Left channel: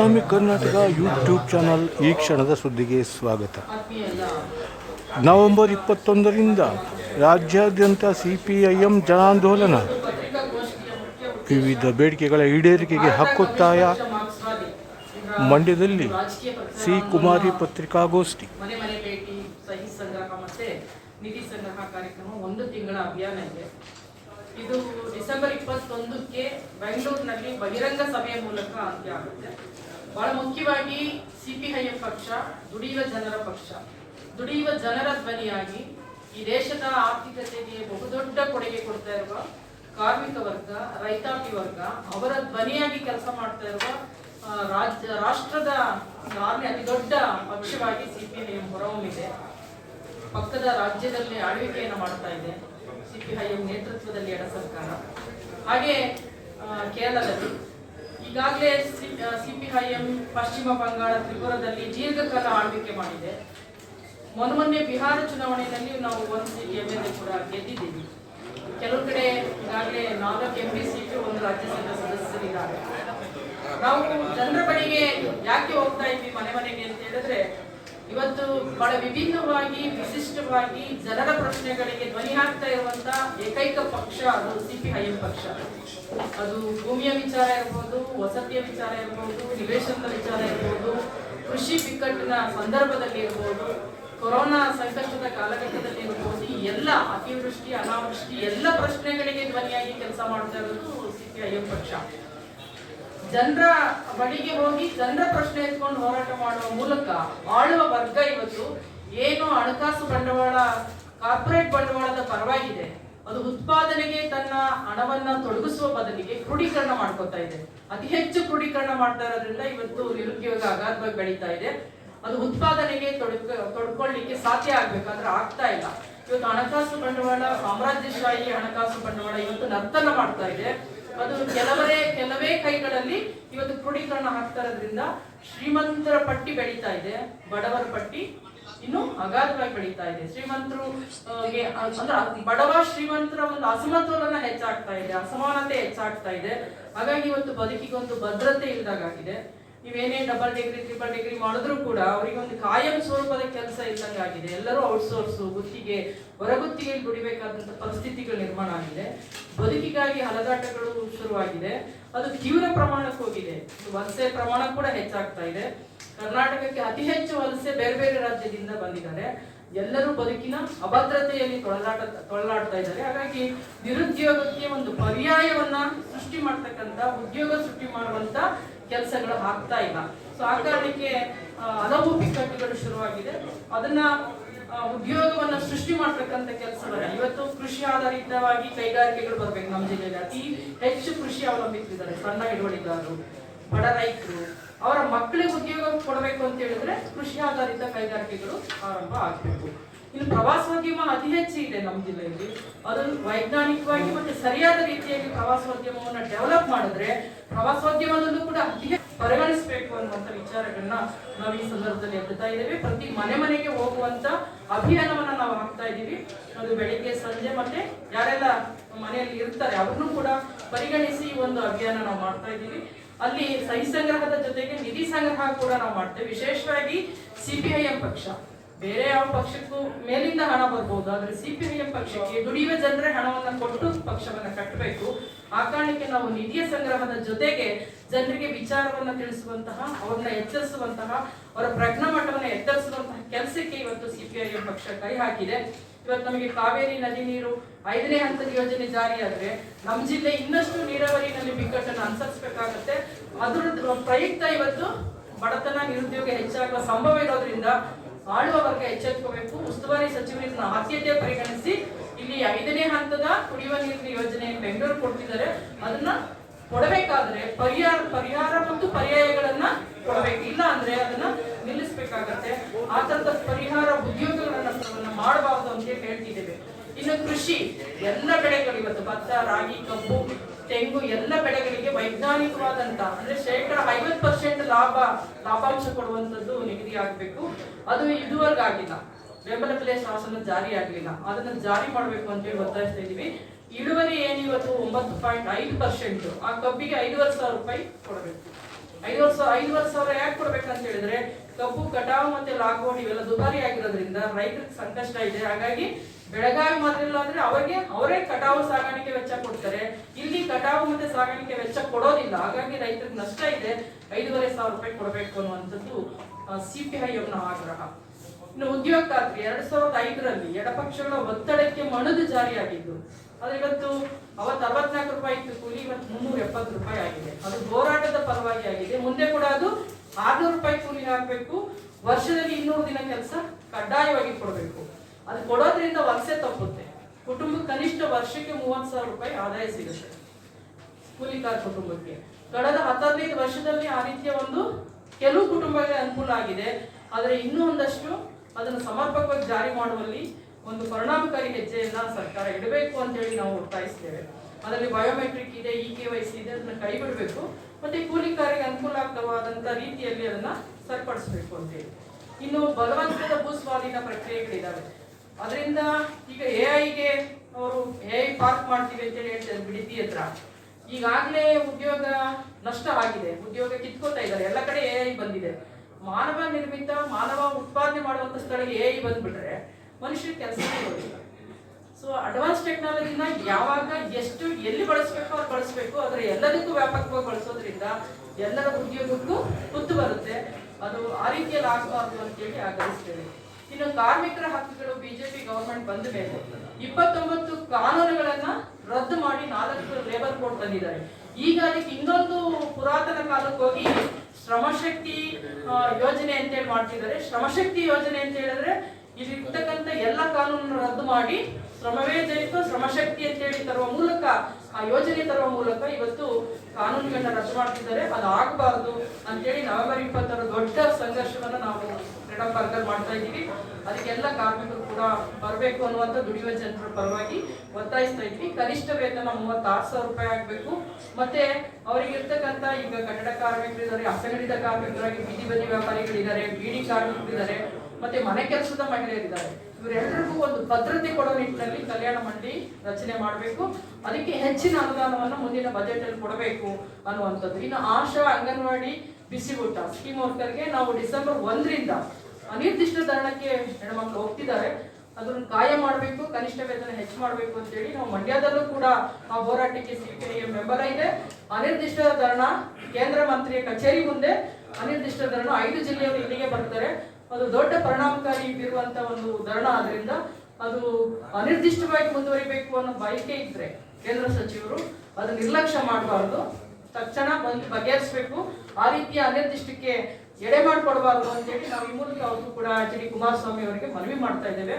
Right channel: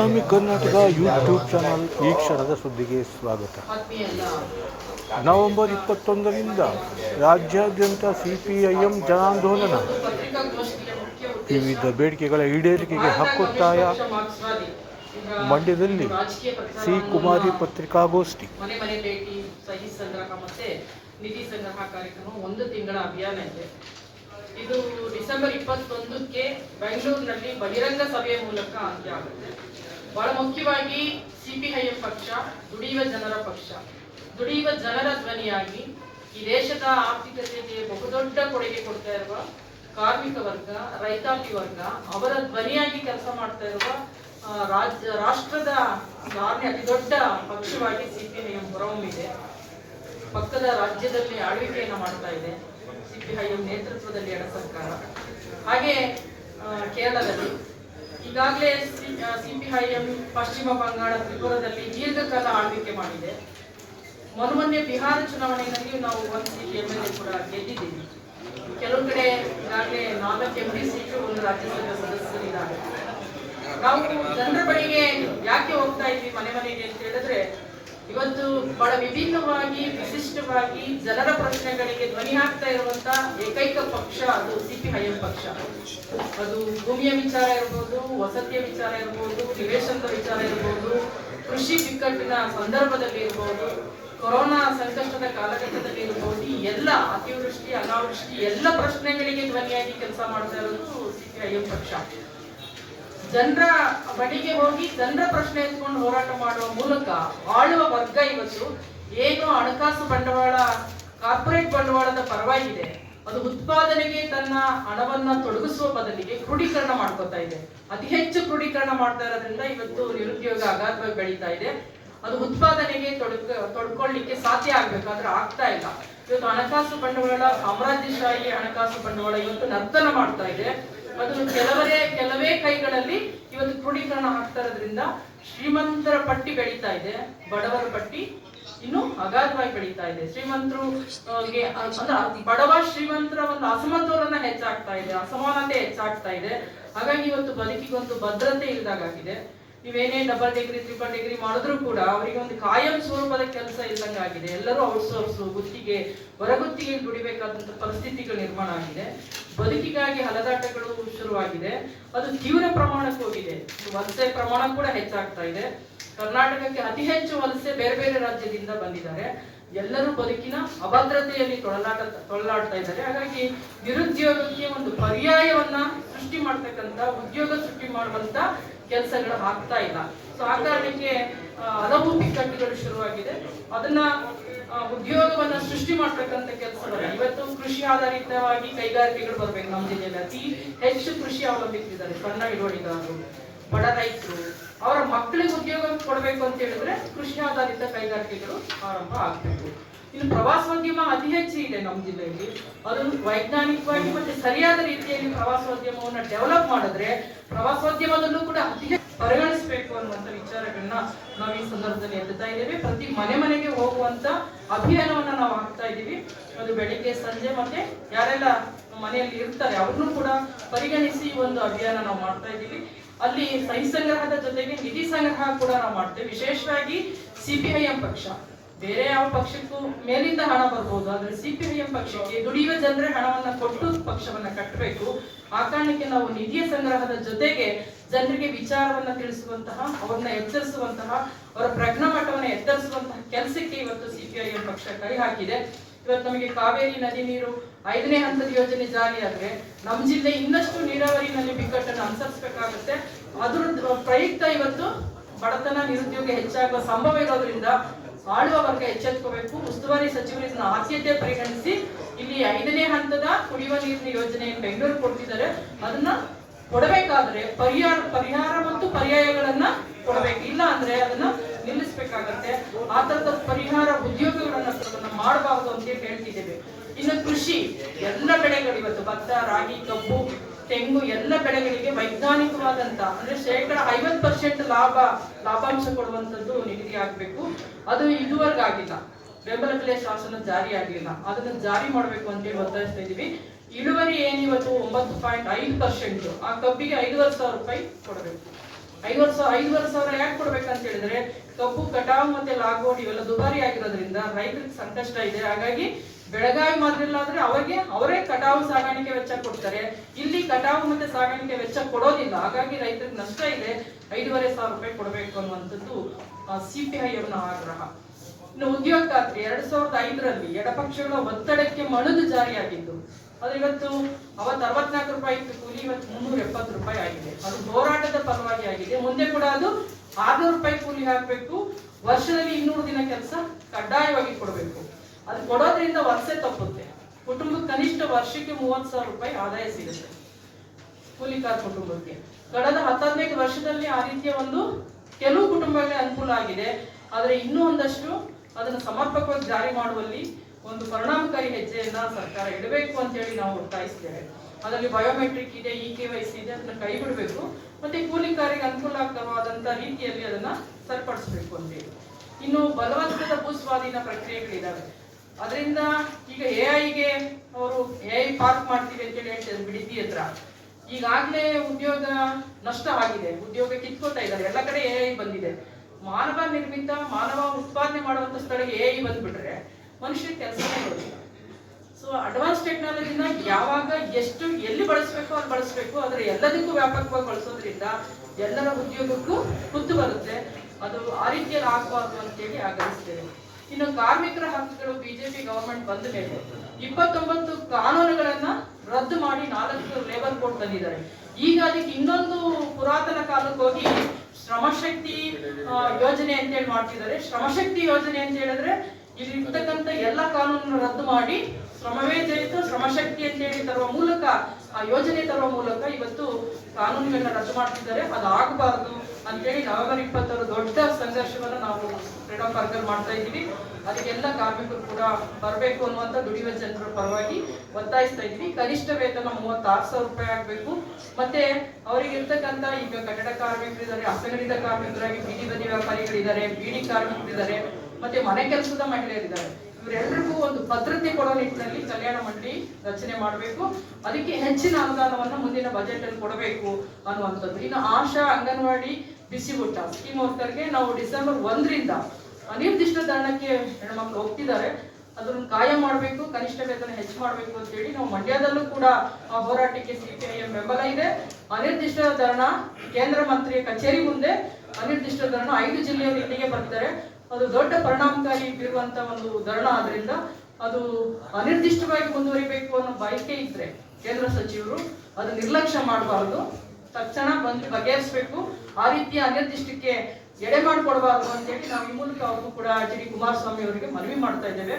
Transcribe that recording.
Dynamic Karnataka YouTube channel ಈ ಕ್ಷಣದ ಸುದ್ದಿಗೆ ಸ್ವಾಗತ. ನವೆಂಬರ್ ಇಪ್ಪತ್ತೊಂದರಿಂದ ರಾಜ್ಯಾದ್ಯಂತ ಸಿ ಪಿ ಐ ಎಂ ಜನಾಂದೋಲನ. ವಿವಿಧ ಬೇಡಿಕೆಗಳ ಈಡೇರಿಕೆಗೆ ಹಕ್ಕೊತ್ತಾಯ. ಮಂಡ್ಯದಲ್ಲಿ ಸಿ ಕುಮಾರಿ ಪತ್ರಿಕಾಗೋಷ್ಠಿ. ನಿಧಿ ಸಂಗ್ರಹ ಕಾರ್ಯಕ್ರಮ ಒಂದು ತಿಂಗಳ ಅಭಿಯಾನ ಇದೆ. ಇದು ಡಿಸೆಂಬರ್ ಇಪ್ಪತ್ತೊಂದಕ್ಕೆ ಬೆಂಗಳೂರಿನಲ್ಲಿ ಬಹಿರಂಗ ಸಭೆಯ ಮೂಲಕ ಅಂತ್ಯ ಆಗುತ್ತೆ. ಬಹಳ ಮುಖ್ಯವಾಗಿ ಸಿಪಿಐಎಂ ಪಕ್ಷ, ದುಡಿಯುವ ಜನರ ಪಕ್ಷ. ದುಡಿಯುವ ಜನರ ಧ್ವನಿಯಾಗಿ ಈ ದೇಶದ ಆರ್ಥಿಕತೆಗೆ ಬಹುದೊಡ್ಡ ಕೊಡುಗೆ ಕೊಡ್ತಾ ಇರುವ ಕಾರ್ಮಿಕ ವರ್ಗ, ರೈತಾಪಿ ವರ್ಗ, ಅವರ ಧ್ವನಿಯಾಗಿ ಕೆಲಸ ಮಾಡ್ತಾ ಇರುವ ರಾಜ್ಯ, ರಾಷ್ಟ್ರದ ಆರನೇ ಅತಿ ದೊಡ್ಡ ಪಕ್ಷವಾಗಿ ಸಿಪಿಐಎಂ ಹೊರಹೊಮ್ಮಿದೆ. ಪಕ್ಕದ ರಾಜ್ಯದಲ್ಲಿ ಆಳ್ವಿಕೆಯನ್ನು ಮಾಡ್ತಾ ಇದೆ. ಸಿಪಿಐಎಂ ನೇತೃತ್ವದಲ್ಲಿ ಎಡ ಸರ್ಕಾರ. ಹಾಗೆ ಕೇರಳದಲ್ಲಿ. ಈಗಾಗಲೇ ಸಿಪಿಐಎಂ ಪಶ್ಚಿಮ ಬಂಗಾಳ ತ್ರಿಪುರದಲ್ಲಿ ದೀರ್ಘಕಾಲ ಆಳ್ವಿಕೆ ಮಾಡಿದೆ. ಮೊನ್ನೆ ಬಿಹಾರ ಚುನಾವಣೆಯಲ್ಲಿ ನಾವು ಒಂದು ಸೀಟ್ ಎ ಕೂಡ ಗೆದ್ದಿದ್ದೀವಿ. ಕೆಲವು ಕಡೆ ಈಗಾಗಲೇ ನಾಲ್ಕು ಎಂ ಪಿ ಸೀಟು ಒಂದು ರಾಜ್ಯಸಭಾ ಸದಸ್ಯರಿದ್ದಾರೆ. ನಾವು ಜನರ ಬಳಿಗೆ ಯಾಕೆ ಹೋಗ್ತಾ ಇದ್ವಿ ಮನೆ ಮನೆಗೆ ಅಂತ ಹೇಳಿದ್ರೆ ಇವತ್ತು ಬಹಳ ವಿಭಿನ್ನವಾಗಿ, ವಿಶಿಷ್ಟವಾಗಿ ಜನರ ಪ್ರಶ್ನೆಗಳಿಗೆ ಧ್ವನಿ ಹಾಕ್ತಾ ಇರುವಂತ ಏಕೈಕ ಪಕ್ಷ ಅದು ಸಿಪಿಐಎಂ ಪಕ್ಷ. ಅದು ಭೂಮಿಯ ವಿಚಾರ ಇರ್ಬೋದು, ವಸತಿಯ ವಿಚಾರ ಇರ್ಬೋದು, ನಿವೇಶನದ ವಿಚಾರ ಇರ್ಬೋದು, ಕೃಷಿ ಬಿಕ್ಕಟ್ಟಿನ ಸಂದರ್ಭದಲ್ಲಿ ಇರ್ಬೋದು, ಕೊರೋನಾ ಸಂಕಷ್ಟದ ಕಾಲಘಟ್ಟದಲ್ಲಿ ಇರ್ಬೋದು ಎಲ್ಲ ಅತಿವೃಷ್ಟಿ, ಅನಾವೃಷ್ಟಿ ಎಲ್ಲ ಪ್ರಶ್ನೆಗಳಿಗೆ ಧ್ವನಿಯಾಗಿ ಕೆಲಸ ಮಾಡ್ತಾ ಇರೋದು ಸಿಪಿಐಎಂ ಪಕ್ಷ. ಜನರ ಬಳಿಗೆ ಹೋಗಿ ಜನರ ಪ್ರಶ್ನೆ ಎತ್ಕೊಂಡು ಹೋರಾಟ ಮಾಡುವ ಮೂಲಕ ಆಳುವ ವರ್ಗ ಇವತ್ತು ಏನು ಹಣಕಾಸು ಬಂಡವಾಳ, ಕಾರ್ಪೊರೇಟ್ ಬಂಡವಾಳದ ಪರವಾಗಿದೆ. ಅದು ಉತ್ಪಾದನೆಗೆ ತನ್ನ ಹಣವನ್ನ ತೊಡಗಿಸುವ ಬದಲಿಗೆ ಕ್ರೋಢೀಕರಣ ಮಾಡ್ಕೋತಾ ಇದೆ. ಅತಿ ಹೆಚ್ಚು ಕ್ರೋಢೀಕರಣ ಮಾಡ್ತಾ ಇರೋದ್ರಿಂದ ಇವತ್ತು ನಿರುದ್ಯೋಗ ಅಗಾಧವಾಗಿ ಬೆಳೀತಾ ಇದೆ. ಅದು ಉತ್ಪಾದನೆಗೆ ತೊಡಕ, ತೊಡ್ಕೊಳ್ಳಿಕ್ಕೆ ಸಾಧ್ಯ ಆಗ್ಬೇಕಾದ್ರೆ ಆಗ್ತಾ ಇಲ್ಲ. ಇವತ್ತು ಹಣಕಾಸು ಬಂಡವಾಳ, ಸಾಮ್ರಾಜ್ಯಶಾಹಿ ಹಣಕಾಸು ಬಂಡವಾಳ ಇವತ್ತು ನರ್ತನ ಮಾಡ್ತಾ ಇದೆ. ಅದು ಕೆಲವರೇ, ಕೆಲವೇ ಕೈಗಳಲ್ಲಿ ಇವತ್ತು ಕ್ರೋಢೀಕರಣ ಆಗ್ತಾ ಇರೋದ್ರಿಂದ ಶ್ರೀಮಂತರ ಪಟ್ಟಿ ಬೆಳೀತಾ ಇದೆ, ಬಡವರ ಪಟ್ಟಿ ಇನ್ನು ಅಗಾಧವಾಗಿ ಬೆಳೀತಾ ಇದೆ. ಶ್ರೀಮಂತರು ಅಂದ್ರೆ ಬಡವ ಶ್ರೀಮಂತರ ಒಂದು ಅಸಮತೋಲನ ಹೆಚ್ಚಾಗ್ತಾ ಇದೆ, ಅಸಮಾನತೆ ಹೆಚ್ಚಾಗ್ತಾ ಇದೆ. ಹಾಗಾಗಿ ಇವತ್ತು ಬದುಕಿಗೊಂದು ಭದ್ರತೆ ಇಲ್ದಾಗಿದೆ ನೀವೇನೇ ಡಬಲ್ ಡಿಗ್ರಿ ಟ್ರಿಪಲ್ ಡಿಗ್ರಿ ಮಾಡಿದ್ರು ಕೂಡ ಅವರಿಗೆ ಒಂದು ಕಾಯಂ ಸ್ವರೂಪದ ಕೆಲಸ ಇಲ್ಲಂಗಾಗಿದೆ ಎಲ್ಲರೂ ಔಟ್ಸೋರ್ಸ್ ಗುತ್ತಿಗೆ ಹೊರಗುತ್ತಿಗೆ ದುಡಿಬೇಕಾದಂಥ ಪರಿಸ್ಥಿತಿಗಳು ನಿರ್ಮಾಣ ಆಗಿದೆ. ಬದುಕಿಗಾಗಿ ಹಲದಾಟಗಳು ಶುರುವಾಗಿದೆ. ಅದು ತೀವ್ರ ಪ್ರಮಾಣಕ್ಕೆ ಹೋಗಿದೆ. ವಲಸೆ ಪ್ರಮಾಣ ಕೂಡ ಹೆಚ್ಚಾಗ್ತಾ ಇದೆ. ಕರ್ನಾಟಕಕ್ಕೆ ಅತಿ ಹೆಚ್ಚು ವಲಸೆ ಬೇರೆ ಬೇರೆ ರಾಜ್ಯದಿಂದ ಬಂದಿದ್ದಾರೆ. ಎಲ್ಲರೂ ಬದುಕಿನ ಅಭದ್ರತೆಯಲ್ಲಿ ತೊಳಲಾಟ, ತೊಳಲಾಡ್ತಾ ಇದ್ದಾರೆ. ಹಾಗಾಗಿ ನಿರುದ್ಯೋಗಕ್ಕೆ ಒಂದು ಪರ್ಯಾಯವನ್ನ ಸೃಷ್ಟಿ ಮಾಡ್ತಕ್ಕಂಥ, ಉದ್ಯೋಗ ಸೃಷ್ಟಿ ಮಾಡುವಂತ ಕೆಲಸಗಳು ಆಗ್ತಾ ಇಲ್ಲ. ಸೊ ಆ ಕಾರಣಕ್ಕೆ ಹಲವು ಬಿಕ್ಕಟ್ಟುಗಳು ಶುರುವಾಗಿದೆ. ಅದನ್ನ ಉದ್ಯೋಗವನ್ನ ಸೃಷ್ಟಿ ಮಾಡ್ಬೇಕಂತ ಕೆಲಸವಲ್ಲ ಇವತ್ತು ಕೃಷಿ ಆಧಾರಿತವಾಗಿ ಕೈಗಾರಿಕೆಗಳು ಬರ್ಬೇಕು ನಮ್ಮ ಜಿಲ್ಲೆಯಲ್ಲಿ. ಅತಿ ಹೆಚ್ಚು ಕೃಷಿ ಅವಲಂಬಿಸಿದ್ದಾರೆ ಸಣ್ಣ ಹಿಡುವಳಿಗಾರರು, ಬಡ ರೈತರು. ಅವರ ಮಕ್ಕಳಿಗೆ ಉದ್ಯೋಗ ಕೊಡಬೇಕು ಅಂತ ಹೇಳಿದ್ರೆ ಕೃಷಿ ಆಧಾರಿತ ಕೈಗಾರಿಕೆಗಳು ಆರಂಭ ಆಗಬೇಕು. ಇನ್ನು ಪ್ರವಾಸೋದ್ಯಮ ಅತಿ ಹೆಚ್ಚು ಇದೆ ನಮ್ಮ ಜಿಲ್ಲೆಯಲ್ಲಿ. ಅದನ್ನು ವೈಜ್ಞಾನಿಕವಾಗಿ ಮತ್ತೆ ಸರಿಯಾದ ರೀತಿಯಲ್ಲಿ ಪ್ರವಾಸೋದ್ಯಮವನ್ನ ಡೆವಲಪ್ ಮಾಡಿದ್ರೆ ಪ್ರವಾಸೋದ್ಯಮದಲ್ಲೂ ಕೂಡ ಅತಿ ಪರಿಗಣಿಸಬೇಕು ಅನ್ನುವಂಥ ವಿಚಾರಗಳನ್ನ ನಾವು ಈ ಸಂದರ್ಭದಲ್ಲಿ ಎತ್ತುತ್ತಾ ಇದ್ದೇವೆ. ಪ್ರತಿ ಮನೆ ಮನೆಗೆ ಹೋಗುವಂತ ಅಭಿಯಾನವನ್ನ ನಾವು ಹಾಕ್ತಾ ಇದ್ದೀವಿ. ಅದು ಬೆಳಿಗ್ಗೆ, ಸಂಜೆ ಮತ್ತೆ ಯಾರೆಲ್ಲ ಮನೆಯಲ್ಲಿ ಇರ್ತಾರೆ ಅವ್ರನ್ನೂ ಕೂಡ ಪರಿಗಣಿಸಿ ಒಂದು ಅಭಿಯಾನ ನಾವು ಮಾಡ್ತಾ ಇದ್ದೀವಿ. ಅಲ್ಲಿ ಸಹಿ ಸಂಗ್ರಹದ ಜೊತೆಗೆ ನಿಧಿ ಸಂಗ್ರಹ ಕೂಡ ನಾವು ಮಾಡ್ತೇವೆ. ವಿಶೇಷವಾಗಿ ಸಿಪಿಐಎಂ ಪಕ್ಷ. ಬೇರೆ ಯಾವ ಪಕ್ಷಕ್ಕೂ ಮೇಲಿಂದ ಹಣ ಬರ್ಬೋದು, ಆದ್ರೆ ಸಿಪಿಐಎಂ ಪಕ್ಷಕ್ಕೆ ದುಡಿಯುವ ಜನರೇ ಹಣವನ್ನ ಕೊಟ್ಟು ಪಕ್ಷವನ್ನ ಕಟ್ಟಬೇಕು. ಆ ಕಾರಣಕ್ಕೆ ನಾವು ನಿಧಿಯ ಸಂಗ್ರಹದ ಜೊತೆಗೆ ಜನರಿಗೆ ವಿಚಾರವನ್ನ ತಿಳಿಸುವಂತಹ, ಅವ್ರನ್ನ ಎಚ್ಚರಿಸುವಂತಹ, ಅವರ ಪ್ರಜ್ಞಾ ಮಟ್ಟವನ್ನ ಎತ್ತರಿಸುವಂತಹ ಕೆಲಸಕ್ಕೆ ಇವತ್ತು ಸಿಪಿಐಎಂ ಪಕ್ಷ ಕೈ ಹಾಕಿದೆ. ಇವತ್ತು ನಮಗೆ ಕಾವೇರಿ ನದಿ ನೀರು ಐದನೇ ಹಂತದ ಯೋಜನೆ ಜಾರಿಯಾದ್ರೆ ನಮ್ಮ ಜಿಲ್ಲೆ ಇನ್ನಷ್ಟು ನೀರಾವರಿನಲ್ಲಿ ಬಿಕ್ಕಟ್ಟನ್ನು ಅನುಸರಿಸಬೇಕಾಗುತ್ತೆ. ಅದ್ರ ಪ್ರಯುಕ್ತ ಇವತ್ತು ಬಡತನ ನಿರುದ್ಯೋಗ ಹೆಚ್ಚಾಗುವ ಸಂಭವ ಇರೋದ್ರಿಂದ ಆಳುವ ವರ್ಗ ಎಚ್ಚೆತ್ಕೋಬೇಕು, ಉಸ್ತುವಾರಿ ಸಚಿವರನ್ನ ಆದ್ಯತೆ ಪರಿಗಣಿಸಿ ಇಲ್ಲಿ ಐದನೇ ಹಂತದ ಕುಡಿಯುವ ನೀರಿನ ಯೋಜನೆ ಬೆಂಗಳೂರು ಕೊಡ್ತಿದ್ದಾರೆ. ಅದನ್ನ ಕೊಡಬೇಕಾದ್ರೆ ಪರಿಹಾರ ಪರಿಹಾರ ಮತ್ತು ಪರ್ಯಾಯಗಳನ್ನ ಕೊಡಬೇಕು. ಇಲ್ಲ ಅಂದ್ರೆ ಅದನ್ನ ನಿಲ್ಲಿಸಬೇಕಾಗತ್ತೆ. ಆ ತರದ ಪರಿಹಾರ ಉದ್ಯೋಗಗಳನ್ನ ಮಾಡಬಾರದು ಅಂತ ಹೇಳಿ ಹೇಳ್ತಿದ್ದೇವೆ. ಇನ್ನು ಕೃಷಿ, ಎಲ್ಲ ಬೆಳೆಗಳು ಇವತ್ತು ಭತ್ತ, ರಾಗಿ, ಕಬ್ಬು, ತೆಂಗು, ಎಲ್ಲ ಬೆಳೆಗಳಿಗೆ ವೈಜ್ಞಾನಿಕವಾದಂತ ಅಂದ್ರೆ ಶೇಕಡ ಐವತ್ತು ಪರ್ಸೆಂಟ್ ಲಾಭ, ಲಾಭಾಂಶ ಕೊಡುವಂತದ್ದು ನಿಗದಿ ಆಗಬೇಕು. ಅದು ಇದುವರೆಗೂ ಆಗಿಲ್ಲ. ಬೆಂಬಲ ಬೆಲೆ ಶಾಸನ ಜಾರಿ ಆಗಲಿಲ್ಲ ಅದನ್ನ ಜಾರಿ ಮಾಡಬೇಕು ಅಂತ ಹೇಳಿ ಒತ್ತಾಯಿಸ್ತಾ ಇದ್ದೀವಿ ಇಳುವರಿ ಏನಿವತ್ತು ಒಂಬತ್ತು ಪಾಯಿಂಟ್ ಐದು ಪರ್ಸೆಂಟ್. ಆ ಕಬ್ಬಿಗೆ ಐದುವರೆ ಸಾವಿರ ರೂಪಾಯಿ ಕೊಡಬೇಕು. ಐದುವರೆ ಸಾವಿರ ಐದುವರೆ ಸಾವಿರ ಯಾಕೆ ಕೊಡ್ಬೇಕಂತ ಹೇಳಿದ್ರೆ, ಕಬ್ಬು ಕಟಾವು ಮತ್ತೆ ಲಾಗೋಡ್ ಇವೆಲ್ಲ ದುಬಾರಿ ಆಗಿರೋದ್ರಿಂದ ರೈತರಿಗೆ ಸಂಕಷ್ಟ ಇದೆ. ಹಾಗಾಗಿ ಬೆಳಗಾವಿ ಮಾದರಿಲ್ಲ ಅಂದ್ರೆ ಅವರಿಗೆ ಅವರೇ ಕಟಾವು ಸಾಗಾಣಿಕೆ ವೆಚ್ಚ ಕೊಡ್ತಾರೆ. ಇಲ್ಲಿ ಕಟಾವು ಮತ್ತೆ ಸಾಗಾಣಿಕೆ ವೆಚ್ಚ ಕೊಡೋದಿಲ್ಲ. ಹಾಗಾಗಿ ರೈತರಿಗೆ ನಷ್ಟ ಇದೆ. ಐದೂವರೆ ಸಾವಿರ ರೂಪಾಯಿ ಕೊಡಬೇಕು ಅನ್ನುವಂಥದ್ದು ಸಿಪಿಐ ಐ ಆಗ್ರಹ. ಇನ್ನು ಉದ್ಯೋಗ ಖಾತ್ರಿ, ಎರಡ್ ಸಾವಿರದ ಐದರಲ್ಲಿ ಎಡಪಕ್ಷಗಳ ಒತ್ತಡಕ್ಕೆ ಮಣದು ಜಾರಿಯಾಗಿದ್ದು. ಆದ್ರೆ ಇವತ್ತು ಅವತ್ತು ಅರವತ್ನಾಲ್ಕು ರೂಪಾಯಿ ಇತ್ತು, ಕೂಲಿ ಇವತ್ತು ಮುನ್ನೂರ ಎಪ್ಪತ್ತು ರೂಪಾಯಿ ಆಗಿದೆ. ಅದು ಹೋರಾಟದ ಪರವಾಗಿ ಆಗಿದೆ. ಮುಂದೆ ಕೂಡ ಅದು ಆರ್ನೂರು ರೂಪಾಯಿ ಕೂಲಿ ಹಾಕಬೇಕು. ವರ್ಷದಲ್ಲಿ ಇನ್ನೂರು ದಿನ ಕೆಲಸ ಕಡ್ಡಾಯವಾಗಿ ಕೊಡಬೇಕು. ಅದು ಕೊಡೋದ್ರಿಂದ ವರ್ಷ ತಪ್ಪುತ್ತೆ. ಕುಟುಂಬಕ್ಕೆ ಕನಿಷ್ಠ ವರ್ಷಕ್ಕೆ ಮೂವತ್ತು ಸಾವಿರ ರೂಪಾಯಿ ಆದಾಯ ಸಿಗುತ್ತೆ. ಕೂಲಿಕಾರ ಕುಟುಂಬಕ್ಕೆ. ಕಳೆದ ಹತ್ತದೈದು ವರ್ಷದಲ್ಲಿ ಆ ರೀತಿಯ ಒಂದು ಕೆಲವು ಕುಟುಂಬಗಳಿಗೆ ಅನುಕೂಲ ಆಗಿದೆ. ಆದರೆ ಇನ್ನೂ ಒಂದಷ್ಟು ಅದನ್ನು ಸಮರ್ಪಕವಾಗಿ ಜಾರಿ ಮಾಡುವಲ್ಲಿ ಒಂದು ಪರಿಣಾಮಕಾರಿ ಹೆಜ್ಜೆಯನ್ನ ಸರ್ಕಾರ ಇಡಬೇಕು ಅಂತ ಹೇಳಿ ನಾವು ಒತ್ತಾಯಿಸ್ತೇವೆ. ಅದರಲ್ಲಿ ಬಯೋಮೆಟ್ರಿಕ್ ಇದೆ ಇ ಕೆ ವೈ ಸಿ ಇದೆ, ಅದನ್ನ ಕೈ ಬಿಡಬೇಕು ಮತ್ತೆ ಕೂಲಿಕಾರಿಗೆ ಆಗ್ತವಾದಂಥ ರೀತಿಯಲ್ಲಿ ಅದನ್ನ ಸರಿಪಡಿಸಬೇಕು ಅಂತೇಳಿ ಇನ್ನು ಬಲವಂತದ ಭೂಸ್ವಾಧೀನ ಪ್ರಕ್ರಿಯೆಗಳಿದಾವೆ. ಅದರಿಂದ ಈಗ ಎ ಐಗೆ ಅವರು ಎ ಐ ಪಾರ್ಕ್ ಮಾಡ್ತೀವಿ ಅಂತೇಳಿ ಹೇಳ್ತಾರೆ ಬಿಡಿತಿ ಹತ್ರ. ಈಗಾಗಲೇ ಉದ್ಯೋಗ ನಷ್ಟ ಆಗಿದೆ. ಉದ್ಯೋಗ ಕಿತ್ಕೋತಾ ಇದ್ದಾರೆ. ಎಲ್ಲ ಕಡೆ ಎ ಐ ಬಂದಿದೆ. ಮಾನವ ನಿರ್ಮಿತ, ಮಾನವ ಉತ್ಪಾದನೆ ಮಾಡುವಂತ ಸ್ಥಳಕ್ಕೆ ಎ ಐ ಬಂದ್ಬಿಟ್ರೆ ಮನುಷ್ಯರಿಗೆ ಕೆಲಸ ಸೊ ಅಡ್ವಾನ್ಸ್ ಟೆಕ್ನಾಲಜಿನ ಯಾವಾಗ ಎಷ್ಟು ಎಲ್ಲಿ ಬಳಸಬೇಕು ಅಲ್ಲಿ ಬಳಸಬೇಕು. ಅದರ ಎಲ್ಲದಕ್ಕೂ ವ್ಯಾಪಕವಾಗಿ ಬಳಸೋದ್ರಿಂದ ಎಲ್ಲರ ಉದ್ಯೋಗಕ್ಕೂ ಕುತ್ತು ಬರುತ್ತೆ. ಅದು ಆ ರೀತಿಯಲ್ಲಿ ಆಗಬಾರ್ದು ಅಂತೇಳಿ ಆಗ್ರಹಿಸ್ತೇವೆ ಇನ್ನು ಕಾರ್ಮಿಕರ ಹಕ್ಕುಗಳು ಬಿಜೆಪಿ ಗವರ್ಮೆಂಟ್ ಬಂದ ಮೇಲೆ ಇಪ್ಪತ್ತೊಂಬತ್ತು ಕಾನೂನುಗಳನ್ನ ರದ್ದು ಮಾಡಿ ನಾಲ್ಕು ಲೇಬರ್ ಕೋಡ್ ತಂದಿದ್ದಾರೆ. ಈಗ ಅದಕ್ಕೆ ಇನ್ನೊಂದು ಪುರಾತನ ಕಾಲಕ್ಕೆ ಹೋಗಿ ಶ್ರಮಶಕ್ತಿ ಯೋಜನೆ ಅಂತೇಳಿ ಮಾಡ್ತಿದ್ದಾರೆ. ಶ್ರಮಶಕ್ತಿ ಯೋಜನೆ ಅಂತ ಹೇಳಿದ್ರೆ ಇಲ್ಲಿ ಇರ್ತಕ್ಕಂಥ ಎಲ್ಲ ಕಾನೂನನ್ನು ರದ್ದು ಮಾಡಿ ಶ್ರಮವೇ ಜಯಿತು, ಶ್ರಮಶಕ್ತಿ ಅಂತ ಹೇಳಿ ತರುವ ಮೂಲಕ, ಆ ಯೋಜನೆ ತರುವ ಮೂಲಕ ಇವತ್ತು ಕಾನೂನುಗಳನ್ನ ರದ್ದು ಮಾಡ್ತಿದ್ದಾರೆ. ಅದು ಆಗಬಾರದು. ಅಂತೇಳಿ ನವೆಂಬರ್ ಇಪ್ಪತ್ತರ ದೊಡ್ಡ ಸಂಘರ್ಷವನ್ನು ನಾವು ಫ್ರೀಡಮ್ ಪಾರ್ಕ್ ಅಲ್ಲಿ ಮಾಡ್ತಾ ಇದ್ದೀವಿ. ಅದಕ್ಕೆಲ್ಲ ಕಾರ್ಮಿಕರು ಕೂಡ ಬರಬೇಕು ಅನ್ನುವಂಥ ದುಡಿಯುವ ಜನರ ಪರವಾಗಿ ಒತ್ತಾಯಿಸ್ತಾ ಇದ್ವಿ. ಕನಿಷ್ಠ ವೇತನ ಮೂವತ್ತಾರು ಸಾವಿರ ರೂಪಾಯಿ ಆಗಬೇಕು. ಮತ್ತೆ ಅವರಿಗೆ ಇರ್ತಕ್ಕಂಥ ಈಗ ಕಟ್ಟಡ ಕಾರ್ಮಿಕರಿದ್ದಾರೆ, ಅಸಂಘಟಿತ ಕಾರ್ಮಿಕರಾಗಿ ಬೀದಿ ಬದಿ ವ್ಯಾಪಾರಿಗಳಿದ್ದಾರೆ ಬೀಡಿ ಕಾರ್ಮಿಕರಿದ್ದಾರೆ, ಮತ್ತೆ ಮನೆ ಕೆಲಸದ ಮಹಿಳೆಯರಿದ್ದಾರೆ. ಇವರೆಲ್ಲರಿಗೂ ಒಂದು ಭದ್ರತೆ ಕೊಡುವ ನಿಟ್ಟಿನಲ್ಲಿ ಕಲ್ಯಾಣ ಮಂಡಳಿ ರಚನೆ ಮಾಡಬೇಕು. ಅದಕ್ಕೆ ಹೆಚ್ಚಿನ ಅನುದಾನವನ್ನು ಮುಂದಿನ ಬಜೆಟ್ ಅಲ್ಲಿ ಕೊಡಬೇಕು ಅನ್ನುವಂಥದ್ದು. ಇನ್ನು ಆಶಾ ಅಂಗನವಾಡಿ ಬಿಸಿ ಊಟ ಸ್ಕೀಮ್ ವರ್ಕರ್ಗೆ ನಾವು ಡಿಸೆಂಬರ್ ಒಂದರಿಂದ ಅನಿರ್ದಿಷ್ಟ ಧಾರಣಕ್ಕೆ ಹೆಣ್ಮಕ್ಳು ಹೋಗ್ತಿದ್ದಾರೆ. ಅದನ್ನು ಕಾಯ ಮಾಡಬೇಕು, ಕನಿಷ್ಠ ವೇತನ ಹೆಚ್ಚು ಮಾಡಬೇಕು ಅಂತೇಳಿ ನಾವು ಮಂಡ್ಯದಲ್ಲೂ ಕೂಡ ಆ ಹೋರಾಟಕ್ಕೆ ಸಿಪಿಐಎಂ ಬೆಂಬಲ ಇದೆ. ಅನಿರ್ದಿಷ್ಟ ಧರಣ ಕೇಂದ್ರ ಮಂತ್ರಿಯ ಕಚೇರಿ ಮುಂದೆ ಅನಿರ್ದಿಷ್ಟ ಧರಣ ಐದು ಜಿಲ್ಲೆಯಲ್ಲಿ ಇಲ್ಲಿಗೆ ಬರ್ತಾರೆ. ಅದು ದೊಡ್ಡ ಪರಿಣಾಮಕಾರಿ ಬೀರುವಂತ ಒಂದು ಧರಣ ಆದ್ರಿಂದ ಅದು ಅನಿರ್ದಿಷ್ಟವಾಗಿ ಮುಂದುವರಿಬೇಕು ಅನ್ನೋ ಬಯಕೆ ಇದ್ರೆ ಕೇಂದ್ರ ಸಚಿವರು ಅದನ್ನು ನಿರ್ಲಕ್ಷ್ಯ ಮಾಡಬಾರದು. ತಕ್ಷಣ ಬಂದು ಬಗೆಹರಿಸಬೇಕು. ಆ ರೀತಿಯ ಅನಿರ್ದಿಷ್ಟಕ್ಕೆ ಎಡೆ ಮಾಡಿಕೊಡಬಾರದು ಅಂತೇಳಿ ನಾವು ಈ ಮೂಲಕ ಅವ್ರಿಗೂ ಕೂಡ ಎಚ್ ಡಿ ಕುಮಾರಸ್ವಾಮಿ ಅವರಿಗೆ ಮನವಿ ಮಾಡ್ತಾ ಇದ್ದೇವೆ.